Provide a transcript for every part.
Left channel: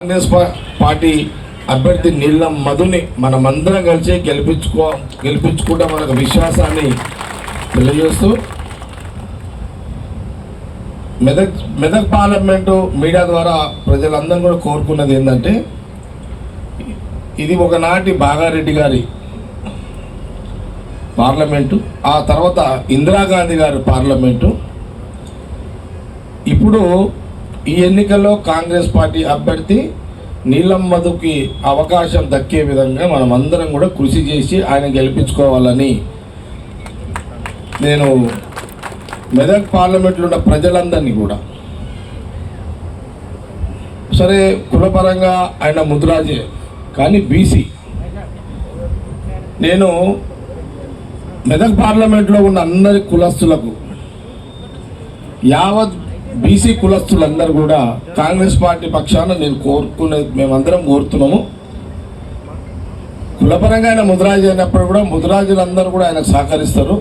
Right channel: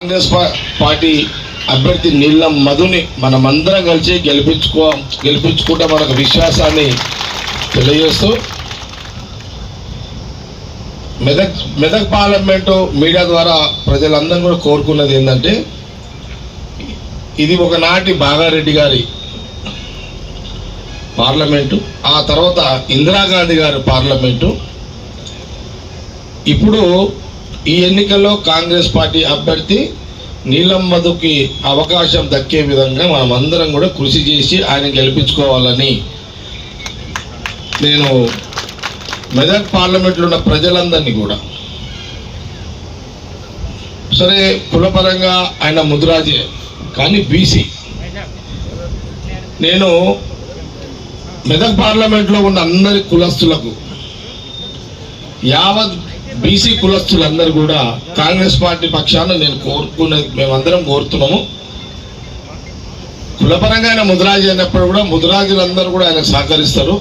Congress party అభ్యర్థి నీలం మధుని మనమందరం కలిసి గెలిపించుకో గెలిపించుకుంటే మనకు విశ్వాసాన్ని తెలియజేస్తూ మెదక్ మెదక్ పార్లమెంటు మీడియా ద్వారా ప్రజలందరూ కూడా కోరుకున్నది ఏంటంటే ఇది ఒకనాటి బాగారెడ్డి గారి పార్లమెంటు ఆ తర్వాత ఇందిరాగాంధీ గారి పార్లమెంటు. ఇప్పుడు ఈ ఎన్నికల్లో కాంగ్రెస్ పార్టీ అభ్యర్థి నీలం మధుకి అవకాశం దక్కే విధంగా మనం అందరం కూడా కృషి చేసి ఆయన గెలిపించుకోవాలని నేను మెదక్ పార్లమెంట్లో ఉన్న ప్రజలందరినీ కూడా సరే కులపరంగా ఆయన ముద్రాజే కానీ బీసీ. నేను మెదక్ పార్లమెంట్లో ఉన్న అందరి కులస్తులకు యావత్ బీసీ కులస్తులందరూ కూడా కాంగ్రెస్ పార్టీ పక్షాన నేను కోరుకునే మేమందరం కోరుతున్నాము. కులపరంగా ఆయన ముద్రాజు అయినప్పుడు కూడా ముద్రాజులందరూ కూడా ఆయన సహకరిస్తారు.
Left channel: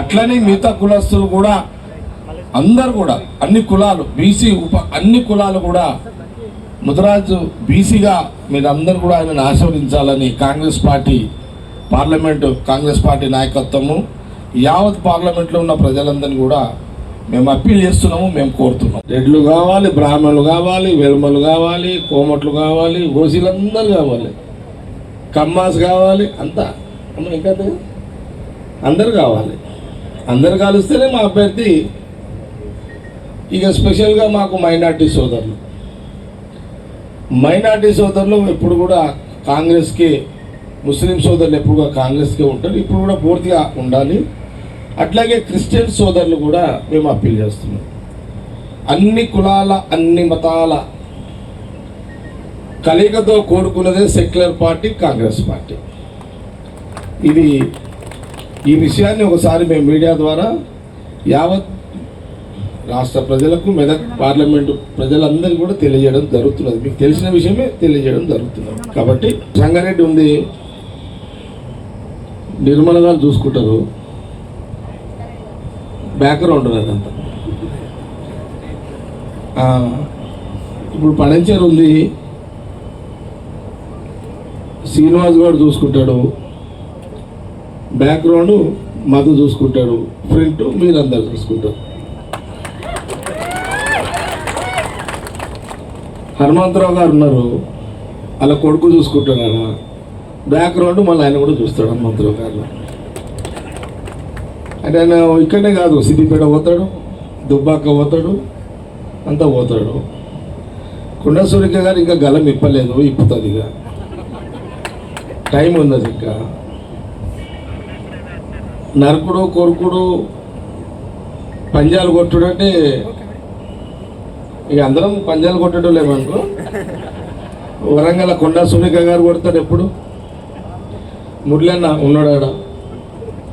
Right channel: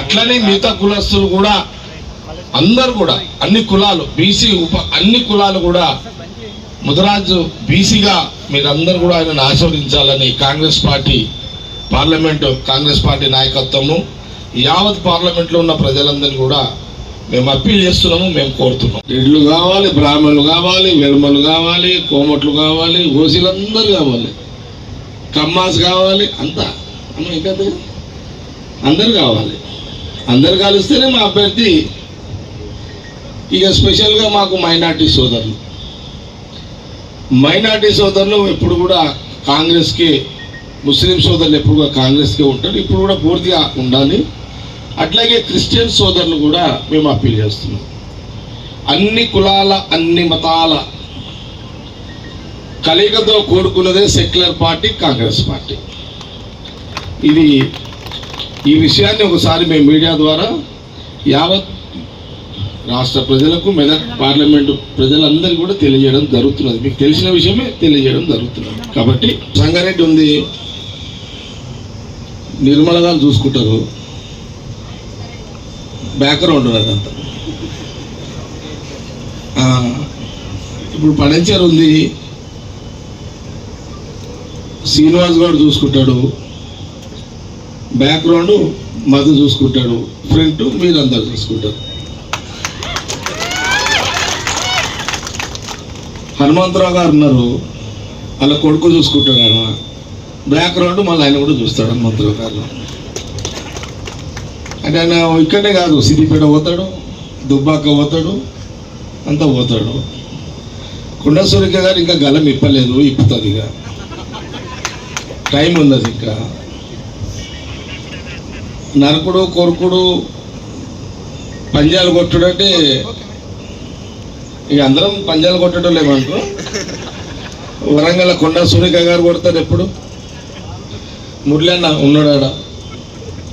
అట్లనే మిగతా కులస్తులు కూడా అందరు కూడా అన్ని కులాలు బీసీ ఉప అన్ని కులాలు కూడా ముద్రాజు బీసీగా మీరందరూ కూడా ఆయనను ఆశీర్వదించాలని Congress party parliament Congress party నాయకత్వము యావత్ పార్లమెంట్లో ఉన్న ప్రజలందరినీ కూడా మేము అప్పీల్ చేస్తున్నాము మేము కోరుతున్నాం. రెడ్లు కావాలి బ్రాహ్మణులు కావాలి వెర్మలు కావాలి కోమట్లు కావాలి ఓసీలందరూ కావాలి. కమ్మాస్ కావాలి అంతా. అమ్మ ఇంకా అందరు కావాలి. అందరు కలిస్తేనే మా అభ్యర్థి. ఇక స్పెషల్గా మాకు మైనార్టీ సోదరులు. మైనార్టీ సోదరులు ఎప్పుడు కూడా కాంగ్రెస్కి ముస్లిం సోదరులు ఎప్పుడు కూడా కాంగ్రెస్కే ఉంటారు. ఇప్పుడు కూడా పూర్తిగా ఉండాలి. అట్లాగే క్రిస్టియన్ సోదరులు కూడా మేము అప్పీల్ చేస్తున్నాం. అన్ని కులాల అన్ని మతాల కలయికతో కూడుకున్నదే సెక్యులర్ పార్టీ కాంగ్రెస్ పార్టీ. ఇది ఈ విషయాన్ని ఒకసారి మేము మీడియా ద్వారా యావత్ రాష్ట్ర ప్రజలకు మెదక్ పార్లమెంటు ప్రజలందరికీ కూడా తెలియజేయడం జరుగుతున్నది. మీకు తెలిసిన విషయమే తెలియజేయడం జరుగుతున్నది. కాబట్టి సంగారెడ్డి ఉంది. నిర్మలంగా చూసుకుంటారు. బ్యాక్గ్రౌండ్ అదంతా. ఇప్పుడు పడంచేరు ఉంది. శ్రీనివాస్ గారు చూసుకుంటాడు. బ్యాక్గ్రౌండ్ మధు చూసుకుంటాడు. ఫ్రంట్ మీరందరూ చూసుకుంటారు. హనుమంతరావు గారు ఉన్నారు. అలా కొడుకు చూసుకుంటాడు బ్యాక్గ్రౌండ్ మళ్ళీ ఆయన కూడా చూస్తాడు హనుమంతరావు గారు. అంటే ఆయన ఇక్కడే కాదు సిద్దిపేట పోతాడు దుబ్బాక పోతాడు అంతా పోతాడు. కొండ సూరిక గారు ఇంకా గలం ఇప్పలేదు ఇప్పుతుంది ఇక. టైం ఉన్నది ఇంకా. నరకుడు కొరుకుడు పంజాలు కొట్టుడు అంటే ఇక అందరం పంజాలు కొట్టడం లేమనుకో వరంగల్ కొండ సూరిక గారు కొడతారు ఎప్పుడు? మురళి అన్న ఉన్నాడాడ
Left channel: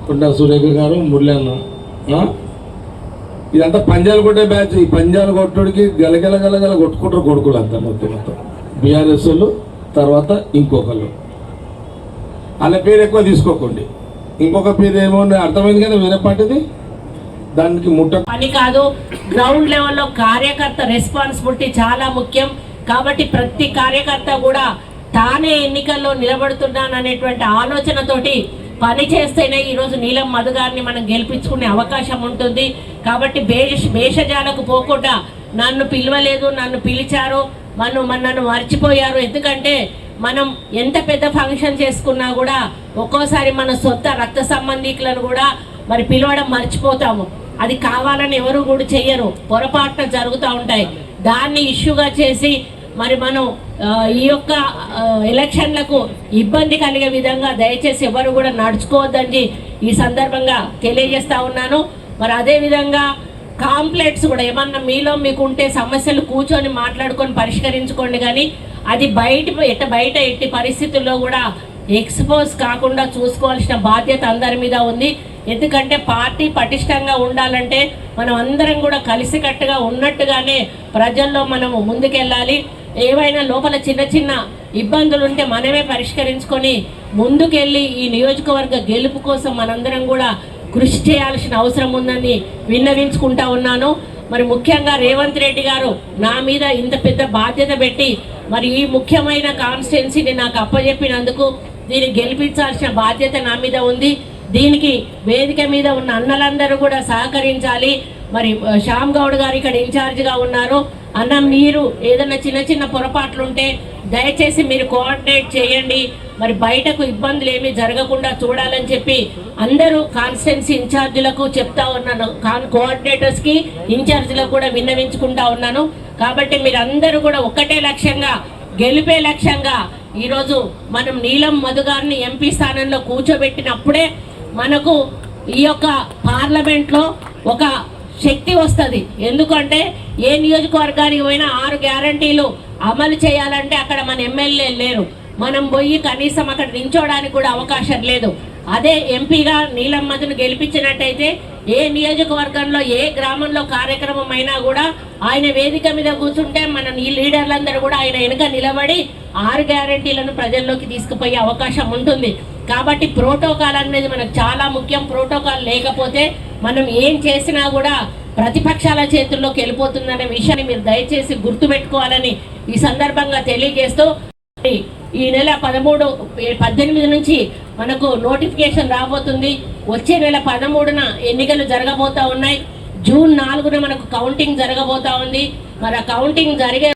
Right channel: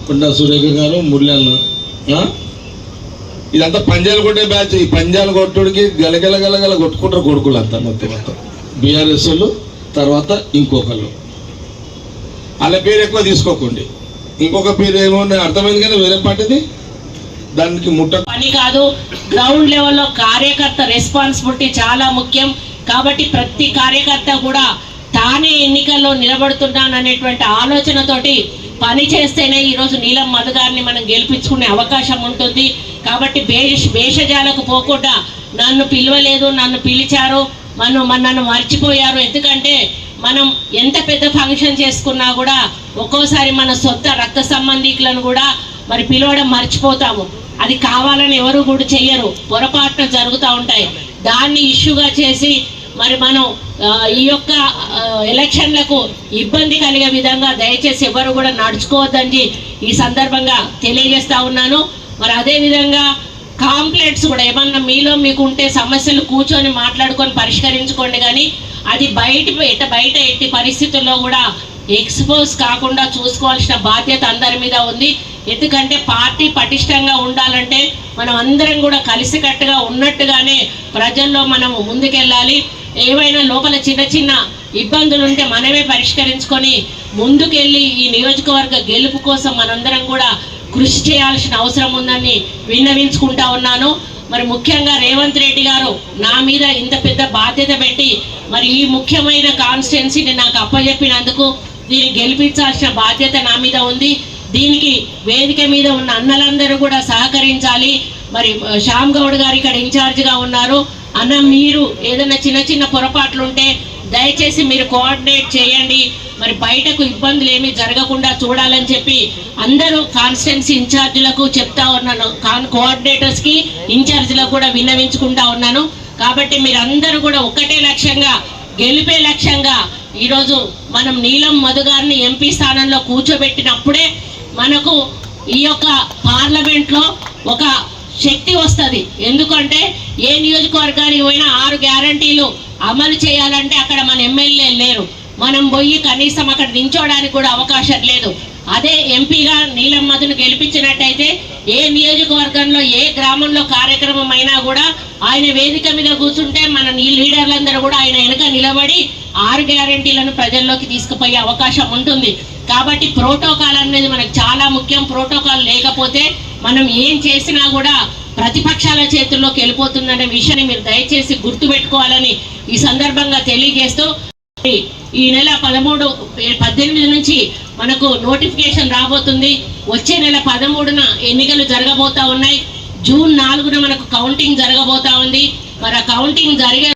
కొండ సురేఖ గారు మురళన్న ఇదంతా పంజాలు కొట్టే బ్యాచ్. ఈ పంజాలు కొట్టుడికి గలగల గలగల కొట్టుకుంటారు కొడుకులు అంతా మొత్తం మొత్తం. బీఆర్ఎస్ వాళ్ళు తర్వాత ఇంకొకళ్ళు. వాళ్ళ పేరు ఎక్కువ తీసుకోకండి. ఇంకొక పేరు ఏమో అర్థమైంది కానీ వేరే పార్టీది? దానికి ముట్ట పని కాదు. గ్రౌండ్ లెవెల్లో కార్యకర్త రెస్పాన్సిబిలిటీ చాలా ముఖ్యం. కాబట్టి ప్రతి కార్యకర్త కూడా తానే ఎన్నికల్లో నిలబడుతున్నాననేటువంటి ఆలోచనతోటి పని చేస్తేనే ఈరోజు నీలం మధు గారిని మనం గెలిపించుకునే అవకాశం ఉంటుంది. కాబట్టి భేష భేషజాలకు పోకుండా నన్ను పిలవలేదు నన్ను పిలిచారు నన్ను మన నన్ను మర్చిపోయారు. ఎందుకంటే మనం ఎంత పెద్ద ఫంక్షన్ చేసుకున్నా కూడా ఒక్కోసారి మన సొంత రక్త సంబంధికులను కూడా మరి పిలవడం మర్చిపోతాము. అది కావాలని ఎవరు కూడా చెయ్యరు. పొరపాట్లు జరుగుతూ ఉంటాయి. దాన్ని ఇష్యూగా చేసి మరి మనం ఈ యొక్క ఎలక్షన్లకు ఇబ్బంది కలిగే విధంగా దయచేసి ఎవరు కూడా నడుచుకోవద్దని ఈ సందర్భంగా తెలియజేస్తా ఉన్నాను. మరి అదే విధంగా కూడా ఏమన్నా మీలో మీకు ఉంటే సమస్యలు కూర్చొని మాట్లాడుకొని పరిష్కరించుకోండి కానీ అది బయట ఎట్ట బయట ఎట్టి పరిస్థితుల్లో కూడా ఎక్స్పోజ్ కాకుండా చూసుకోవాల్సిన బాధ్యత అందరి మీద ఉంది. ఎందుకంటే పార్టీ పటిష్టంగా ఉండాలంటే మనం అందరం కూడా కలిసికట్టుగా ఉన్నట్టుగానే ప్రజల్లో మనము ముందుకెళ్ళాలి. ఏవైనా లోపల చిన్న చిన్న ఇబ్బందులు ఉంటే మనమే పరిష్కరించుకొని ముందుకెళ్ళి ఈ నియోజకవర్గ గెలుపు కోసం మనందరం కూడా కృషి చేయాల్సిన అవసరం ఉందని విన్నవించుకుంటా ఉన్నాను. మరి ముఖ్యంగా రేవంత్ రెడ్డి గారు నా మీద ఇంత పెద్ద బాధ్యత పెట్టి మరి ఈ ముఖ్యమైన కాన్స్టిట్యున్సీని నాకు అప్పచెప్పినందుకు దీన్ని గెలిపించాల్సిన బాధ్యత నా మీద ఉంది. దీనికి వేదిక మీద ఉన్న అన్నలందరూ కూడా సహకరించాలి. మరి శ్యామ్ గౌడ్ గారు ఇక్కడ ఇన్ఛార్జ్గా ఉన్నారు. అన్న మీరు ఏదైనా చిన్న చిన్న పొరపాట్లు ఉంటే దయచేసి మీరు కోఆర్డినేట్ చేయండి. మరి బయటకు ఇబ్బందులు ఏమీ జరగకుండా చూడాలని చెప్పి అందరూ కాన్స్టెన్సీ ఇన్ఛార్జీలకు చెప్తా ఉన్నాను. కాన్ కోఆర్డినేటర్స్కి ఇన్ఛార్జీలకు కూడా విన్నవించుకుంటా ఉన్నాను. కాబట్టి మీరందరూ కూడా ఒక్కటే లక్ష్యంగా గెలిపే లక్ష్యంగా ఈరోజు మనం నీలం మధు గారిని ఎంపీ స్థానంలో కూర్చోబెట్టినప్పుడే మనకు ఈ యొక్క పార్లమెంట్లో ఒక శక్తి వస్తుంది. ఎందుకంటే ఏ నియోజకవర్గానికి పోయినా ఆరు గ్యారంటీలు అమలు చేయాలంటే అక్కడ మన ఎమ్మెల్యే లేరు. మనం పోయి కనీసం అక్కడ నించోడానికి కూడా అవకాశం లేదు. అదే ఎంపీగా నీలం మధును గెలిపించినట్టయితే ఏ నియోజకవర్గంలో ఏ గ్రామంలో కార్యక్రమం అయినా కూడా ఆయన వేదిక మీద కూర్చుంటే మన ఈ లీడర్లందరూ కూడా ఆయన వెనుక నిలబడి ఆరు గ్యారంటీలను ప్రజల్లోకి తీసుకుపోయే అవకాశం ఉంటుంది. కాబట్టి ప్రోటోకాల్ అనేది మనకు చాలా ముఖ్యం. ప్రోటోకాల్ లేకపోతే మనం ఏం చేసినా కూడా ప్రతిపక్షాల చేతుల్లోకి వెళ్ళిపోతుందనే విషయాన్ని మీరు దయచేసి గుర్తుపెట్టుకోవాలని ఈ సందర్భంగా తెలియజేస్తూ ఈ నెల పదమూడు పద్దెనిమిది నుంచి మనకు నోటిఫికేషన్ రాబోతుంది. వచ్చే నెల పదమూడున ఎన్నికలు జరగబోతా ఉన్నాయి. జూన్ నాలుగున మనకు కౌంటింగ్ జరగబోతా ఉంది. మరి ఆ కౌంటింగ్ జరిగే